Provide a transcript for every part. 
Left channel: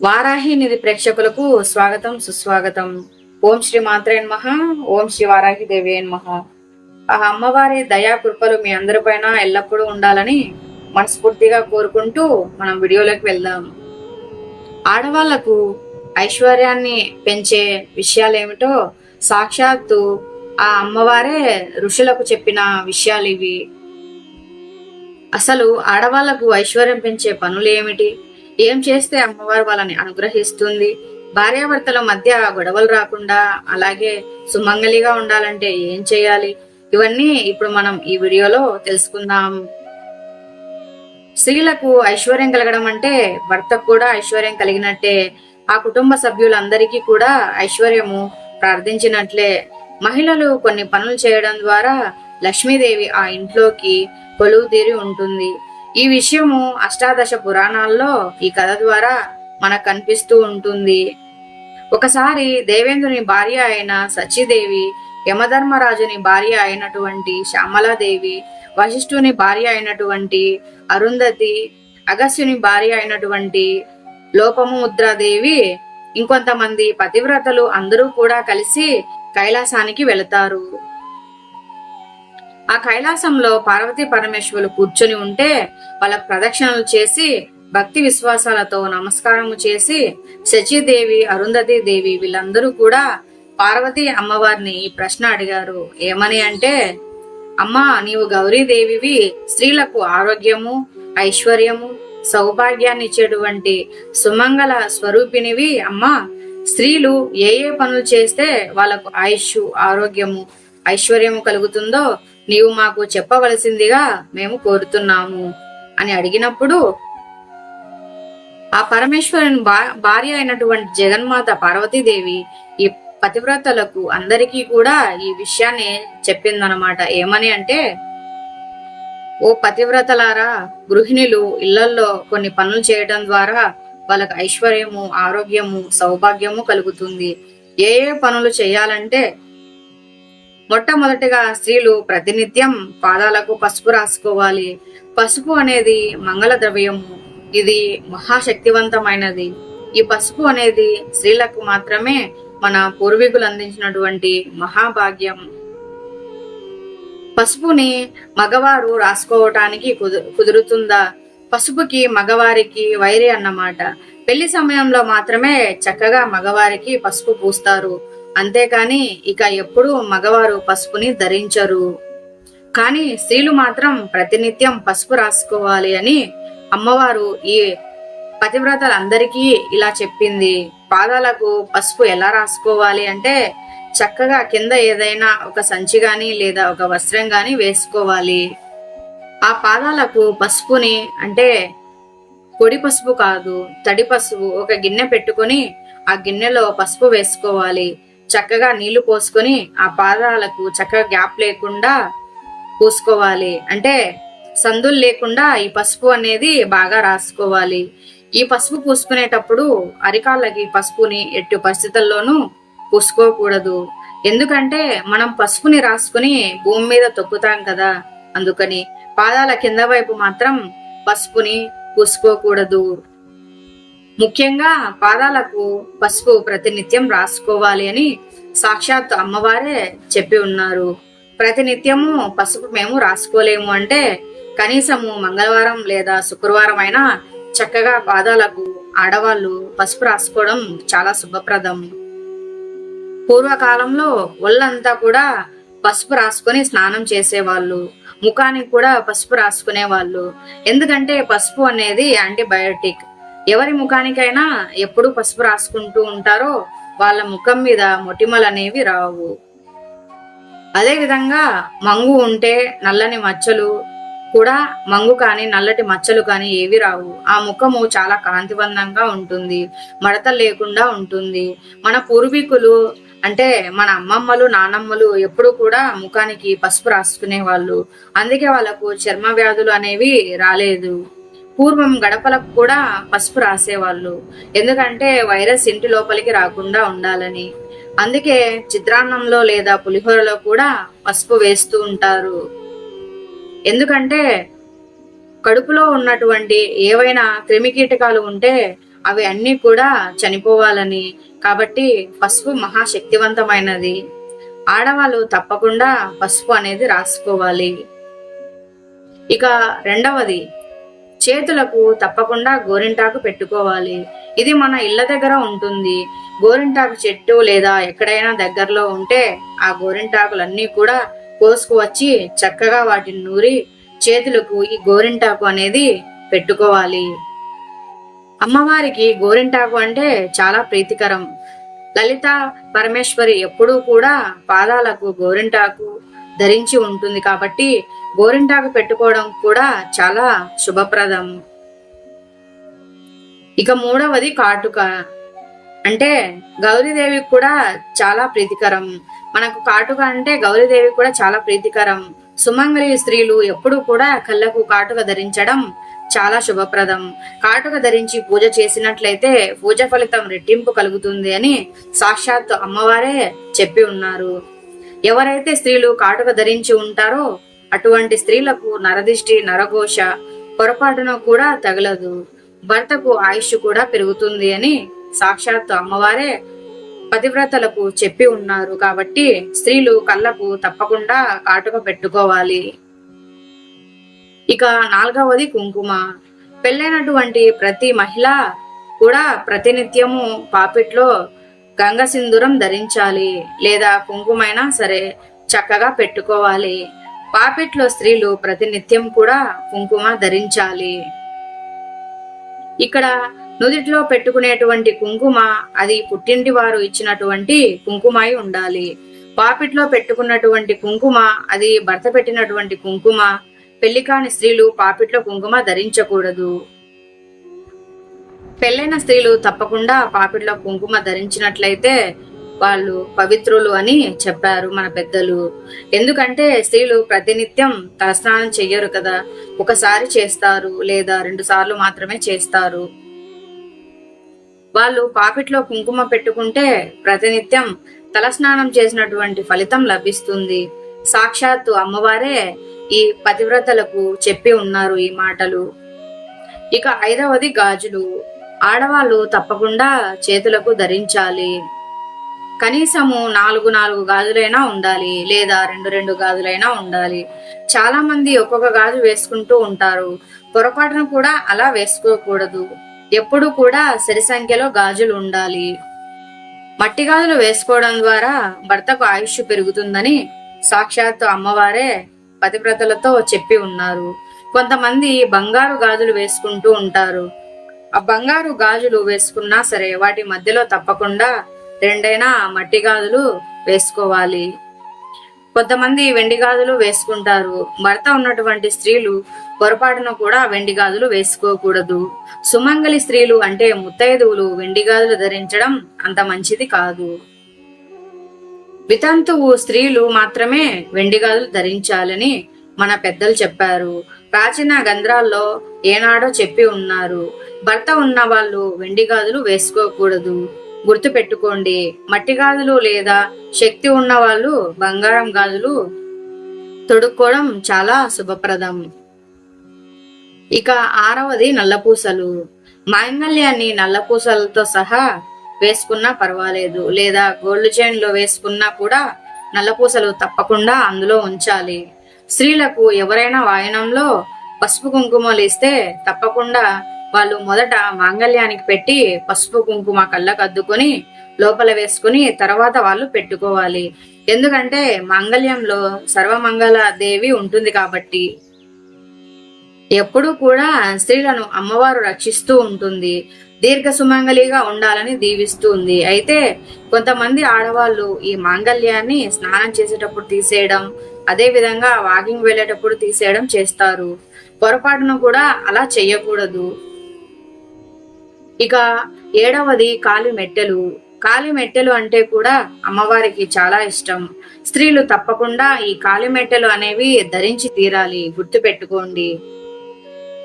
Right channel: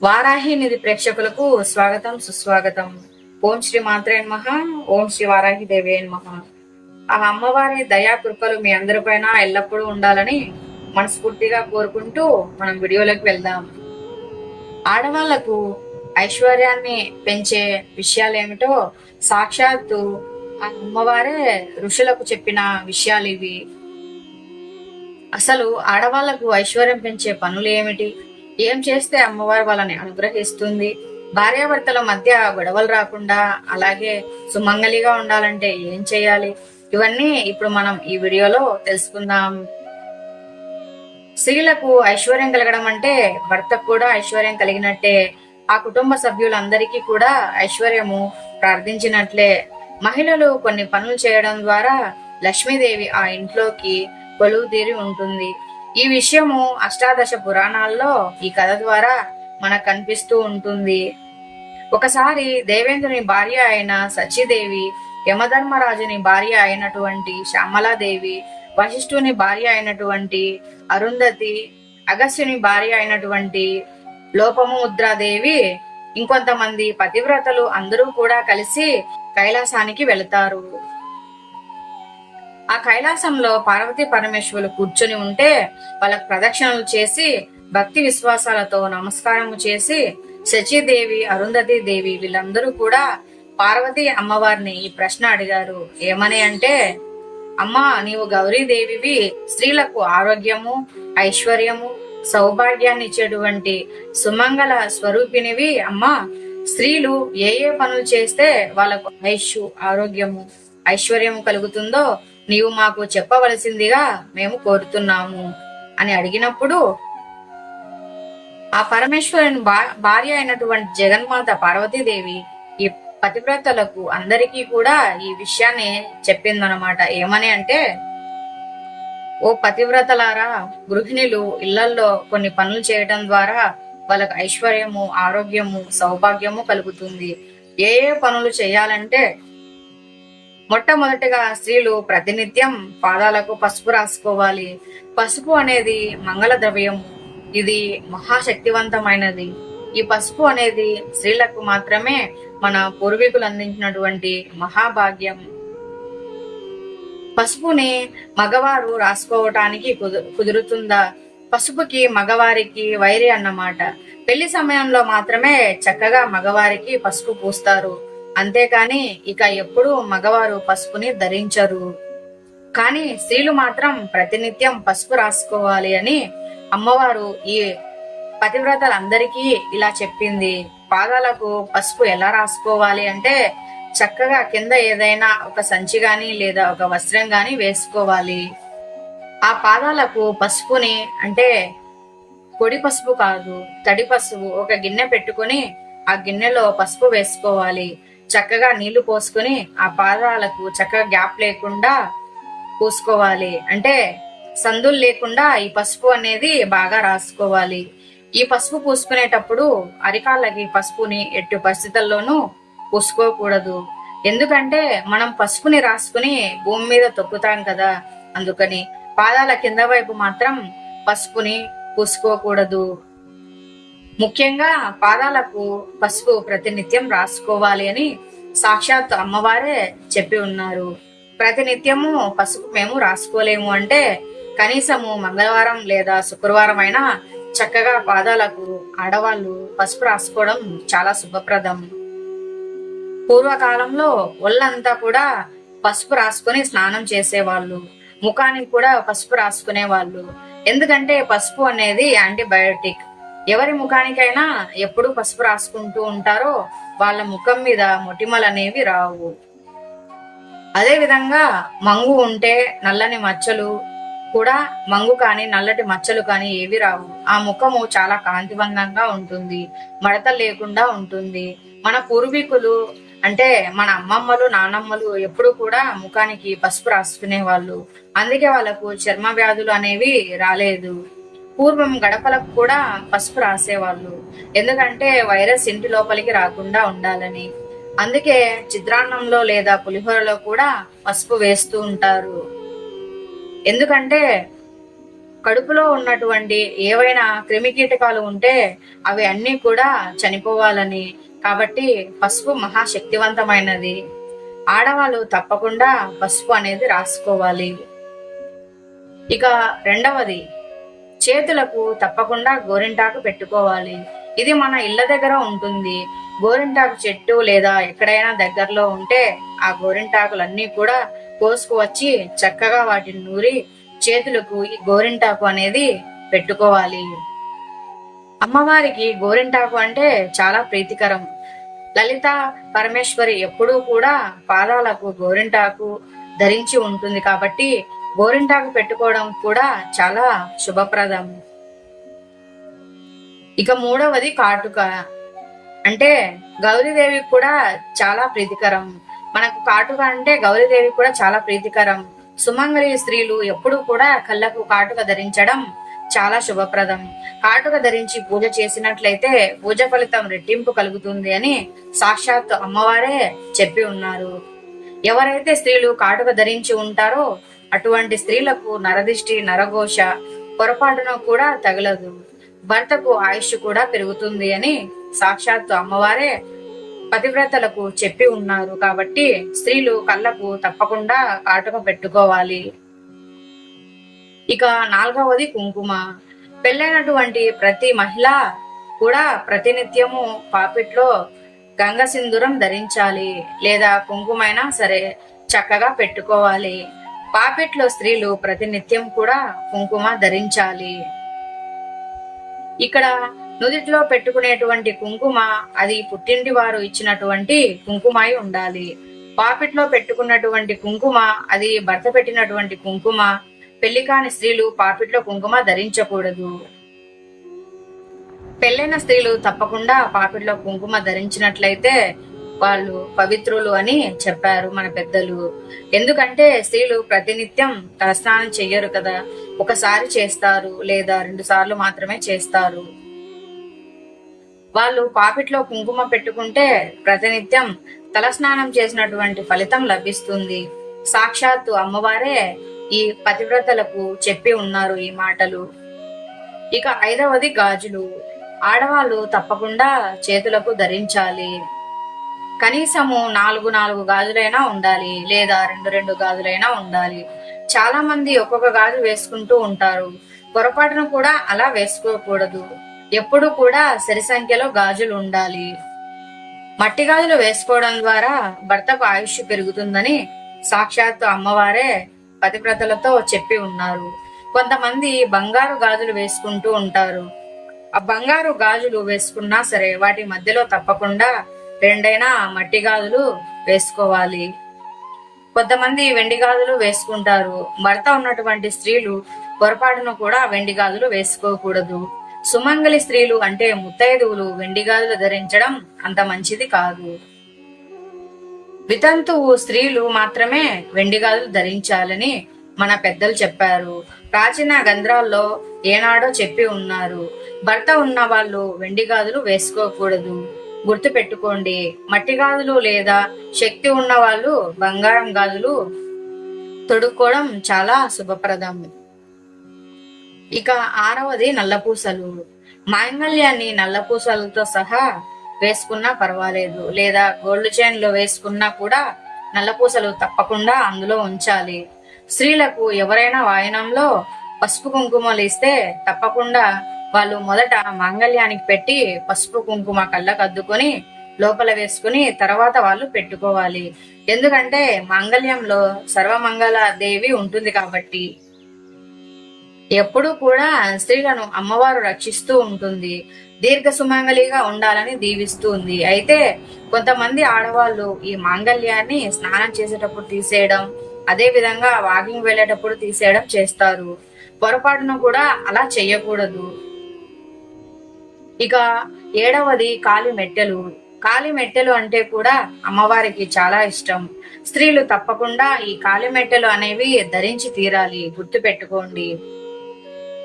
వారాహి నిధి ప్రేక్షకులకు స్వాగతం సుస్వాగతం. ఓం శ్రీ మాత్రే మహా ఓం శ్రీ వారాహి దేవి మహా ఆ అమ్మవారి దయా కృపలు మీ అందరిపైన ఎల్లప్పుడూ ఉండాలని మనస్ఫూర్తిగా కోరుకుంటూ మనం వీడియోలోకి వెళ్దాం. ఆడవాళ్ళకు ఐశ్వర్యాన్ని పెంచే విషయాలు ఏమిటో సాక్షాత్తు ఆ అమ్మవారే ఋషులకు చెప్పిన విషయాలు ఇవి అసలు ఆడవాళ్ళకు ఐశ్వర్యం పెంచే పనులు ఏమిటి ఏం చేస్తే అమ్మవారు వాళ్ళని అనుగ్రహిస్తుంది? భార్యాభర్తల మధ్య గొడవలు రాకుండా అలాగే సుమంగలిగా ఉండాలంటే ఏం చేయాలి? ఇవన్నీ ఇప్పుడు మనం ఈ వీడియోలో తెలుసుకుందాం. స్త్రీలకు ఐశ్వర్యం కలగడం అంటే భర్తకు కూడా ఐశ్వర్యం కలిగినట్టే. ఆ కుటుంబ సభ్యులందరికీ కూడా ఐశ్వర్యము ప్రార్థించినట్లే. మహిళలు కొన్ని పనులు చేయడం ద్వారా లక్ష్మీదేవి ఆ ఇంట్లోకి కొలువు తీరి ఉంటుంది. ఈ విషయము అష్టాదశ పురాణాల్లో ఈ కథ ద్వారా మనకు కనిపిస్తూ ఉంటుంది. ఒకసారి దేవేంద్రుని భార్య అయిన సచిదేవి యమధర్మరాజుని భార్య అయినటువంటి శ్యామలాదేవి వశిష్ఠుని భార్య అయినటువంటి అరుంధతి అగస్యుని భార్య అయినటువంటి లోపముద్రాదేవి ఇంకొంతమంది పతివ్రతలు అందరూ కూడా కలిసి కైలాసానికి వెళతారు. ఆ కైలాసంలో పార్వతీ పరమేశ్వరులు కూర్చొని ఉంటే వాళ్ళకు ప్రదక్షిణలు చేసి భక్తి విశ్వాసాలతో నమస్కారము చేసి శచీదేవి అరుంధతి దేవి వీళ్ళందరూ కూడా పార్వతీ అమ్మవారిని ఈ ప్రశ్న అడిగారు. ఏమని అంటే అమ్మా నీవు గౌరీదేవివి స్త్రీలకు ఆరోగ్యము ఐశ్వర్యము సౌభాగ్యాన్ని ఇచ్చేటువంటి సుమంగళ స్వరూపినివి అమ్మా స్త్రీలు ఏ ఏ పనులు చేస్తే వాళ్ళకు ఆయుష్ ఆరోగ్యము ఐశ్వర్యము కలుగుతుందో నీవు మాకు చెప్పవలసిందిగా మేము కోరుతున్నాము అని అడిగినప్పుడు ఆ పరమేశ్వరుని భా- భార్య అయినటువంటి జగన్మాత పార్వతీదేవి ఈ పతివ్రతలకు అందరికీ కూడా ఈ విషయాన్ని చెప్పిందనమాట ఏమని అంటే ఓ పతివ్రతలారా గృహిణులు ఇళ్ళలో కొన్ని పనులు చేయడం ద్వారా వాళ్ళకి ఐశ్వర్యము ఆరోగ్యము సౌభాగ్యము కలుగుతుంది. ఏ ఏ పనులు చేయాలంటే మొట్టమొదటిగా స్త్రీలు ప్రతినిత్యం పాదాలకు పసుపు రాసుకోవాలి. పసుపు అనేది మంగళ ద్రవ్యము ఇది మహాశక్తివంతమైనది. ఈ పసుపు అనేది స్త్రీలకు మాత్రమే మన పూర్వీకులు అందించినటువంటి మహాభాగ్యం. పసుపుని మగవారు రాసుకోవటానికి కుదు- కుదురుతుందా? పసుపుకి మగవారికి వైరి అన్నమాట. పెళ్ళి సమయంలో మాత్రమే చక్కగా మగవారికి పసుపు పూస్తారు. అంతేకాని ఇక ఎప్పుడూ మగవారు పసుపుని ధరించరు. కానీ స్త్రీలు మాత్రం ప్రతినిత్యం పసుపు రాసుకోవాలి అని అమ్మవారు ఈ పతివ్రతలందరికీ ఇలా చెప్పింది. పాదాలకు పసుపు ఎలా రాసుకోవాలి అంటే చక్కగా కింద ఏదైనా ఒక సంచి గాని లేదా ఒక వస్త్రం గాని వేసుకోవాలి. ఆ పాదాలకు పసుపుని అంటే పొడి పసుపు కాదు తడి పసుపు ఒక గిన్నె పెట్టుకొని ఆ గిన్నెలో పసుపు వేసుకోవాలి. చక్కగా నీళ్ళు పోసుకొని ఆ పాదాలకు చక్కగా గ్యాప్ లేకుండా పూసుకోవాలి. అంటే సందులు లేకుండా ఈ పసుపు అనేది బాగా రాసుకోవాలి. ఈ పసుపు పూసుకునేటప్పుడు అరికాళ్ళకి పసుపుని ఎట్టి పరిస్థితుల్లోనూ పూసుకోకూడదు. ఎందుకంటే మనం పసుపుని రాసుకుని భూమి మీద తొక్కుతాం కదా. అందుకని పాదాల కింద వైపు మాత్రం పసుపుని పూసుకోకూడదు. ముఖ్యంగా పాదాలకు పసుపు ప్రతినిత్యం రాసుకోవాలి అని సాక్షాత్ అమ్మవారే చెప్పి ఉన్నారు. ప్రతినిత్యము పసుపు మేము రాసుకోలేము అంటే కనీసము మంగళవారం లేదా శుక్రవారం అయినా చక్కగా పాదాలకు ఆడవాళ్ళు పసుపు రాసుకోవడం చాలా శుభప్రదం. పూర్వకాలంలో ఒళ్ళంతా కూడా పసుపు రాసుకొని స్నానం చేసేవాళ్ళు. ముఖానికి కూడా పసుపు రాసుకునే వాళ్ళు ఎందుకంటే పసుపు అనేది యాంటీబయోటిక్. ఎవరి ముఖానికైనా ఎప్పుడు పసుపు రాసుకుంటూ ఉంటారో వాళ్ళ ముఖం మీద మొటిమలు అనేవి రావు. అదేవిధంగా మంగు ఉంటే నల్లని మచ్చలు కూడా మంగు కానీ నల్లటి మచ్చలు కానీ ఏవి రావు. ఆ ముఖము చాలా కాంతివంతంగా ఉంటుంది మడత లేకుండా ఉంటుంది. మన పూర్వీకులు అంటే మన అమ్మమ్మలు నానమ్మలు ఎప్పుడు కూడా ముఖానికి పసుపు రాసుకునే వాళ్ళు అందుకే వాళ్ళకు చర్మ వ్యాధులు అనేవి రాలేదు. పూర్వం గడపలకు కూడా పసుపు రాసేవాళ్ళు. ఎందుకంటే వైరస్ ఇంటి లోపలికి రాకుండా ఉండాలని. అందుకే చిత్రాన్నంలో లేదా పులిహోరలో కూడా పసుపు వేస్తూ ఉంటారు. ఎందుకంటే కడుపులో ఉన్నటువంటి ఏవైనా క్రిమికీటకాలు ఉంటే అవి అన్నీ కూడా చనిపోవాలని. కాబట్టి పసుపు మహాశక్తివంతమైనది. ఆడవాళ్ళు తప్పకుండా పసుపు అనేది రాసుకోవాలి. ఇక రెండవది చేతులకు తప్పకుండా గోరింటాకు పెట్టుకోవాలి. ఇది మన ఇళ్ళ దగ్గర ఉంటుంది. గోరింటాకు చెట్టు లేదా ఎక్కడైనా దగ్గరలో ఉంటే ఆ గోరింటాకులన్నీ కూడా కోసుకువచ్చి చక్కగా వాటిని నూరి చేతులకు ఈ గోరింటాకు అనేది పెట్టుకోవాలి. అమ్మవారికి గోరింటాకు అంటే చాలా ప్రీతికరం. లలిత పరమేశ్వరి ఎప్పుడూ కూడా పాదాలకు గోరింటాకు ధరించి ఉంటుంది కాబట్టి గోరింటాకు పెట్టుకోవడం కూడా చాలా శుభప్రదం. ఇక మూడవది కాటుక. అంటే గౌరీదేవికి కూడా చాలా ప్రీతికరం. మనకు కాటుక అంటే గౌరీదేవికి కూడా చాలా ప్రీతికరం. సుమంగళి స్త్రీలు ఎప్పుడూ కూడా కళ్ళకు కాటుక ధరించడం చాలా శుభప్రదం. కాటుక ధరించి పూజ చేసినట్లయితే పూజ ఫలితం రెట్టింపు కలుగుతుంది అని సాక్షాత్ అమ్మవారే చెప్పి ఉన్నారు. ఎవరైతే స్త్రీలు కాటుక ధరించి ఉంటారో అటువంటి స్త్రీలకు నరదిష్టి నరఘోష పొరపాటున కూడా తగలదు. భర్తకు ఆయుష్ కూడా పెరుగుతుంది అని సాక్షాత్ అమ్మవారే పతివ్రతలకు చెప్పి ఉన్నారు. కాబట్టి స్త్రీలు కళ్ళకు తప్పకుండా కాటుక పెట్టుకోవాలి. ఇక నాలుగవది కుంకుమ. పెళ్ళైనటువంటి ప్రతి మహిళ కూడా ప్రతినిత్యము పాపిట్లో గంగ సింధూరం ధరించాలి. లేదా కుంకుమైనా సరే చక్కగా పెట్టుకోవాలి. పాపిట్లో స్త్రీలు ప్రతినిత్యం కూడా కుంకుమ ధరించాలి. ఇక్కడ నుదిట్లో పెట్టుకునేటువంటి కుంకుమ అది పుట్టింటి వారు ఇచ్చినటువంటి కుంకుమై ఉండాలి. పాపిట్లో పెట్టుకున్నటువంటి కుంకుమ అది భర్త పెట్టినటువంటి కుంకుమ పెళ్ళి కాని స్త్రీలు పాపిట్లో కుంకుమ ధరించకూడదు. పెళ్ళైన స్త్రీలు తప్పకుండా పాపిట్లో కుంకుమ ధరించినట్లయితే వాళ్ళు పవిత్రులు అని చెప్పారు మన పెద్దలు. ఎందుకంటే స్త్రీలు ప్రతినిత్యం తలస్నానం చెయ్యరు కదా. ఒకసారి చేస్తారు లేదా రెండు సార్లు మాత్రమే చేస్తారు. వాళ్ళు పాపిట్లో కుంకుమ పెట్టుకుంటే ప్రతినిత్యం తలస్నానం చేసినటువంటి ఫలితం లభిస్తుంది. సాక్షాత్తు అమ్మవారే ఈ పతివ్రతలకు చెప్పి ఉన్నారు ఈ మాటలు. ఇక ఐదవది గాజులు. ఆడవాళ్ళు తప్పకుండా చేతులకు ధరించాలి. కనీసము నాలుగు నాలుగు గాజులైనా ఉండాలి లేదా రెండు రెండు గాజులైనా ఉండాలి. చాలా మంది ఒక్కొక్క గాజు వేసుకుంటూ ఉంటారు. పొరపాటును కూడా అలా వేసుకోకూడదు. ఎప్పుడు కూడా సరి సంఖ్యలో గాజులు ఉండాలి. మట్టి గాజులు వేసుకోవడం ద్వారా భర్తకు ఆయుష్ పెరుగుతుందని సాక్షాత్తు అమ్మవారే పతివ్రతలతో చెప్పి ఉన్నారు. కొంతమంది బంగారు గాజులు వేసుకుంటూ ఉంటారు. ఆ బంగారు గాజులు వేసుకున్నా సరే వాటి మధ్యలో తప్పకుండా రెండైనా మట్టి గాజులు వేసుకోవాలి. కొంతమంది వెండి గాజులు వేసుకుంటారు. భర్త ఉన్నటువంటి స్త్రీలు పొరపాటున కూడా వెండి గాజులు వేసుకోకూడదు. సుమంగలి స్త్రీలు అంటే ముత్తైదువులు వెండి గాజులు ధరించడం అంత మంచిది కాదు. వితంతువు స్త్రీలు మాత్రమే వెండి గాజులు ధరించాలని మన పెద్దలు చెప్పారు. ప్రాచీన గంధ్రాల్లో ఏనాడో చెప్పి ఉన్నారు. భర్త ఉన్న వాళ్ళు వెండి గాజులు వేసుకోకూడదు. గుర్తుపెట్టుకోండి. మట్టి గాజులు లేదా శక్తి ఉన్న వాళ్ళు బంగారం గాజులు తొడుక్కోవడం చాలా శుభప్రదం. ఇక ఆరవది నల్లపూసలు. మాంగళ్యాన్ని నల్లపూసలతో సహా వేసుకున్నా పర్వాలేదు. లేదా గోల్డ్ చైన్లో వేసుకున్నా కూడా నల్లపూసలు తప్పకుండా అందులో ఉంచాలి. స్త్రీలకు ఎవరైనా వాయనంలో పసుపు కుంకుమలు ఇస్తే తప్పకుండా వాళ్ళు మొదట మాంగళ్యానికి పెట్టి పసుపు కుంకుమ కళ్ళకు అద్దుకొని లోపల వేసుకుని తర్వాత వాళ్ళు పెట్టుకోవాలి. ఎందుకంటే మాంగళ్యంలో సర్వమంగళ దేవి ఉంటుంది కాబట్టి. ఎప్పుడూ కూడా స్త్రీలను అమ్మవారు రక్షిస్తూ ఉంటుంది. దీర్ఘ సుమంగళిగా ఉండాలని దీవిస్తుంది అయితే కొంతమంది ఆడవాళ్ళు ఈ మాంగళ్యాన్ని స్నానం చేసేటప్పుడు తీసేయడం అదే విధంగా వాకింగ్ వెళ్ళేటప్పుడు తీసేయడం చేస్తారు. పొరపాటును కూడా అలా చేయకూడదు. ఇక ఏడవది కాలి మెట్టెలు. కాలి మెట్టెలు అంటే కూడా అమ్మవారికి చాలా ఇష్టం. స్త్రీలు తప్పకుండా ఈ కాలి మెట్టెలు అనేవి ధరించి తీరాలి. గుర్తు పెట్టుకోండి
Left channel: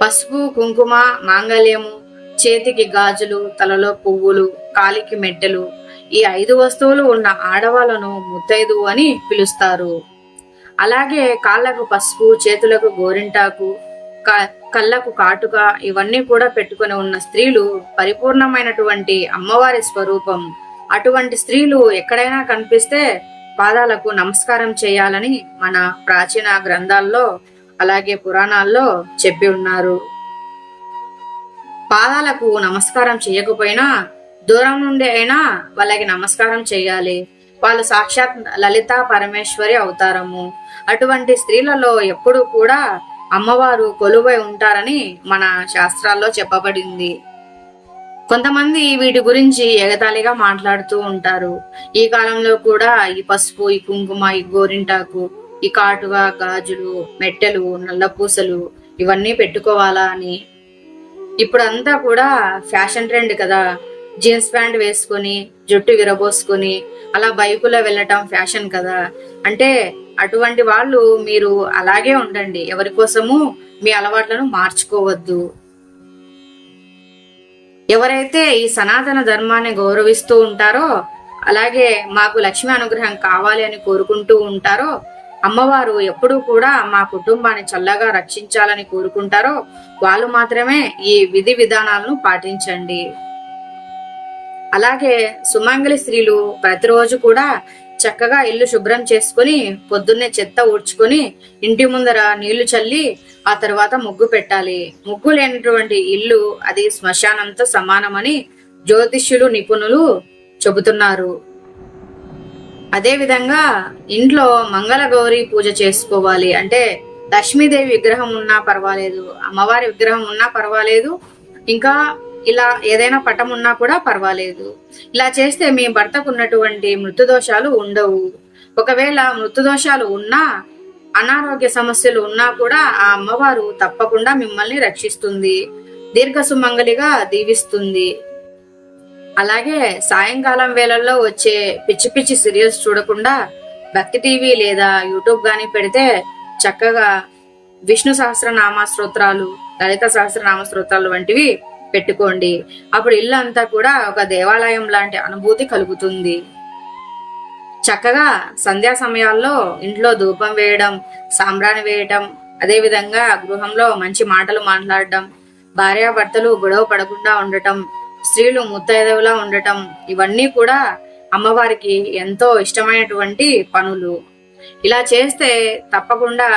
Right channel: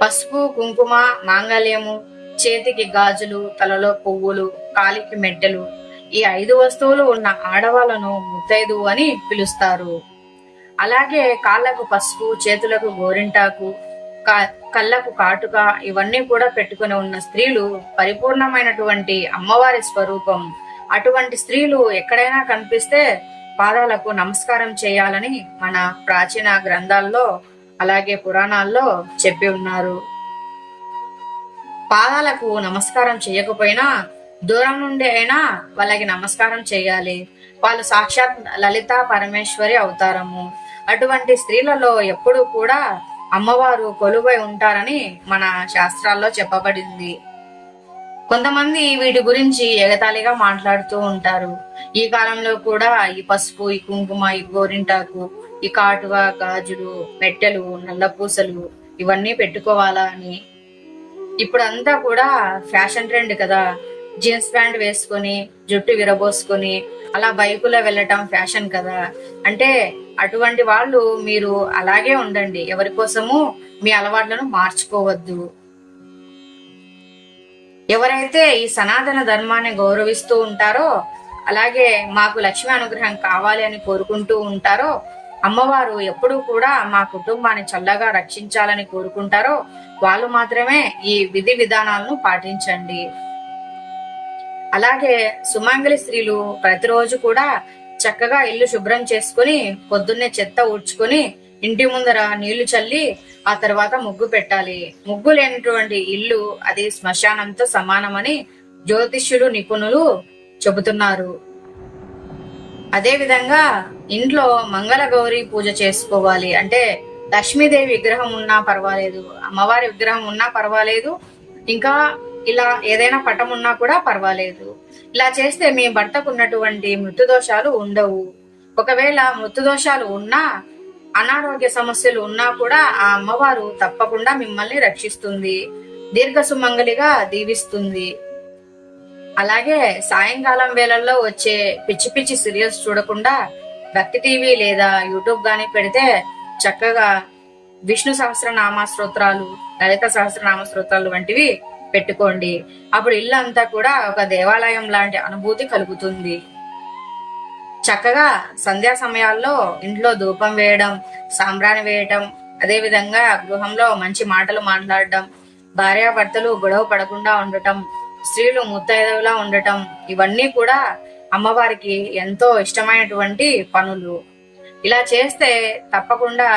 పసుపు కుంకుమ మాంగళ్యము చేతికి గాజులు తలలో పువ్వులు కాలికి మెట్టెలు ఈ ఐదు వస్తువులు ఉన్న ఆడవాళ్ళను ముత్తైదు అని పిలుస్తారు. అలాగే కాళ్ళకు పసుపు చేతులకు గోరింటాకు కళ్ళకు కాటుక ఇవన్నీ కూడా పెట్టుకొని ఉన్న స్త్రీలు పరిపూర్ణమైనటువంటి అమ్మవారి స్వరూపం. అటువంటి స్త్రీలు ఎక్కడైనా కనిపిస్తే పాదాలకు నమస్కారం చేయాలని మన ప్రాచీన గ్రంథాల్లో అలాగే పురాణాల్లో చెప్పి ఉన్నారు. పాదాలకు నమస్కారం చేయకపోయినా దూరం నుండి అయినా వాళ్ళకి నమస్కారం చేయాలి. వాళ్ళు సాక్షాత్ లలిత పరమేశ్వరి అవతారము. అటువంటి స్త్రీలలో ఎప్పుడూ కూడా అమ్మవారు కొలువై ఉంటారని మన శాస్త్రాల్లో చెప్పబడింది. కొంతమంది వీటి గురించి ఎగతాళిగా మాట్లాడుతూ ఉంటారు. ఈ కాలంలో కూడా ఈ పసుపు ఈ కుంకుమ ఈ గోరింటాకు ఈ కాటుగా గాజులు మెట్టెలు నల్లపూసలు ఇవన్నీ పెట్టుకోవాలా అని. ఇప్పుడు అంతా కూడా ఫ్యాషన్ ట్రెండ్ కదా. జీన్స్ ప్యాంట్ వేసుకొని జుట్టు విరబోసుకొని అలా బైకులో వెళ్ళటం ఫ్యాషన్ కదా. అంటే అటువంటి వాళ్ళు మీరు అలాగే ఉండండి. ఎవరి కోసము మీ అలవాట్లను మార్చుకోవద్దు. ఎవరైతే ఈ సనాతన ధర్మాన్ని గౌరవిస్తూ ఉంటారో అలాగే మాకు లక్ష్మి అనుగ్రహం కావాలి అని కోరుకుంటూ ఉంటారో అమ్మవారు ఎప్పుడూ కూడా మా కుటుంబాన్ని చల్లగా రక్షించాలని కోరుకుంటారో వాళ్ళు మాత్రమే ఈ విధి విధానాలను పాటించండి. అలాగే సుమంగళి స్త్రీలు ప్రతిరోజు కూడా చక్కగా ఇల్లు శుభ్రం చేసుకుని పొద్దున్నే చెత్త ఊడ్చుకొని ఇంటి ముందర నీళ్ళు చల్లి ఆ తర్వాత ముగ్గు పెట్టాలి. ముగ్గు లేనటువంటి ఇల్లు అది శ్మశానంతో సమానమని జ్యోతిష్యులు నిపుణులు చెబుతున్నారు. అదేవిధంగా ఇంట్లో మంగళగౌరి పూజ చేసుకోవాలి. అంటే లక్ష్మీదేవి విగ్రహం ఉన్నా పర్వాలేదు అమ్మవారి విగ్రహం ఉన్నా పర్వాలేదు ఇంకా ఇలా ఏదైనా పటం ఉన్నా కూడా పర్వాలేదు. ఇలా చేస్తే మీ భర్తకు ఉన్నటువంటి మృతుదోషాలు ఉండవు. ఒకవేళ మృతుదోషాలు ఉన్నా అనారోగ్య సమస్యలు ఉన్నా కూడా ఆ అమ్మవారు తప్పకుండా మిమ్మల్ని రక్షిస్తుంది. దీర్ఘ సుమంగలిగా దీవిస్తుంది. అలాగే సాయంకాలం వేళల్లో వచ్చే పిచ్చి పిచ్చి సీరియల్స్ చూడకుండా భక్తి టీవీ లేదా యూట్యూబ్ కానీ పెడితే చక్కగా విష్ణు సహస్రనామ స్తోత్రాలు లలిత సహస్రనామ స్తోత్రాలు వంటివి పెట్టుకోండి. అప్పుడు ఇల్లు అంతా కూడా ఒక దేవాలయం లాంటి అనుభూతి కలుగుతుంది. చక్కగా సంధ్యా సమయాల్లో ఇంట్లో ధూపం వేయడం సాంబ్రాణి వేయటం అదే విధంగా గృహంలో మంచి మాటలు మాట్లాడడం భార్యాభర్తలు గొడవ పడకుండా ఉండటం స్త్రీలు ముత్తైదవులా ఉండటం ఇవన్నీ కూడా అమ్మవారికి ఎంతో ఇష్టమైనటువంటి పనులు. ఇలా చేస్తే తప్పకుండా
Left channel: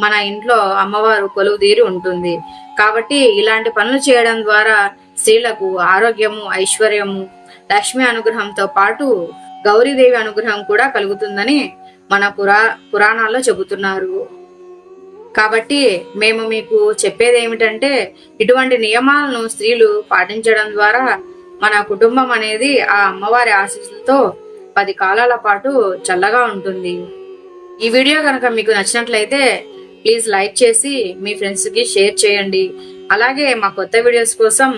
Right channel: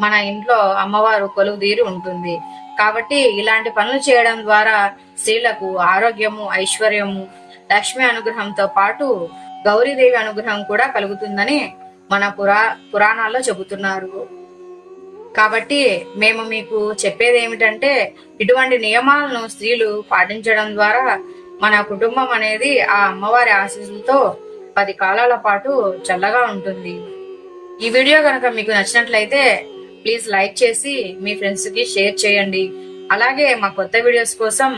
మన ఇంట్లో అమ్మవారు కొలువు తీరి ఉంటుంది. కాబట్టి ఇలాంటి పనులు చేయడం ద్వారా స్త్రీలకు ఆరోగ్యము ఐశ్వర్యము లక్ష్మి అనుగ్రహంతో పాటు గౌరీదేవి అనుగ్రహం కూడా కలుగుతుందని మన పురా పురాణాల్లో చెబుతున్నారు. కాబట్టి మేము మీకు చెప్పేది ఏమిటంటే ఇటువంటి నియమాలను స్త్రీలు పాటించడం ద్వారా మన కుటుంబం అనేది ఆ అమ్మవారి ఆశీస్సులతో పది కాలాల పాటు చల్లగా ఉంటుంది. ఈ వీడియో కనుక మీకు నచ్చినట్లయితే ప్లీజ్ లైక్ చేసి మీ ఫ్రెండ్స్కి షేర్ చేయండి. అలాగే మా కొత్త వీడియోస్ కోసం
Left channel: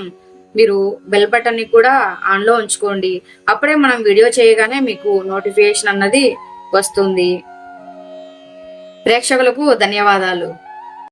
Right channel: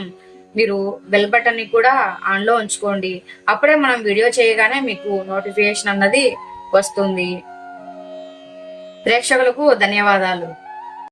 మీరు బెల్ బటన్ని కూడా ఆన్లో ఉంచుకోండి. అప్పుడే మనం వీడియో చేయగానే మీకు నోటిఫికేషన్ అన్నది వస్తుంది. ప్రేక్షకులకు ధన్యవాదాలు.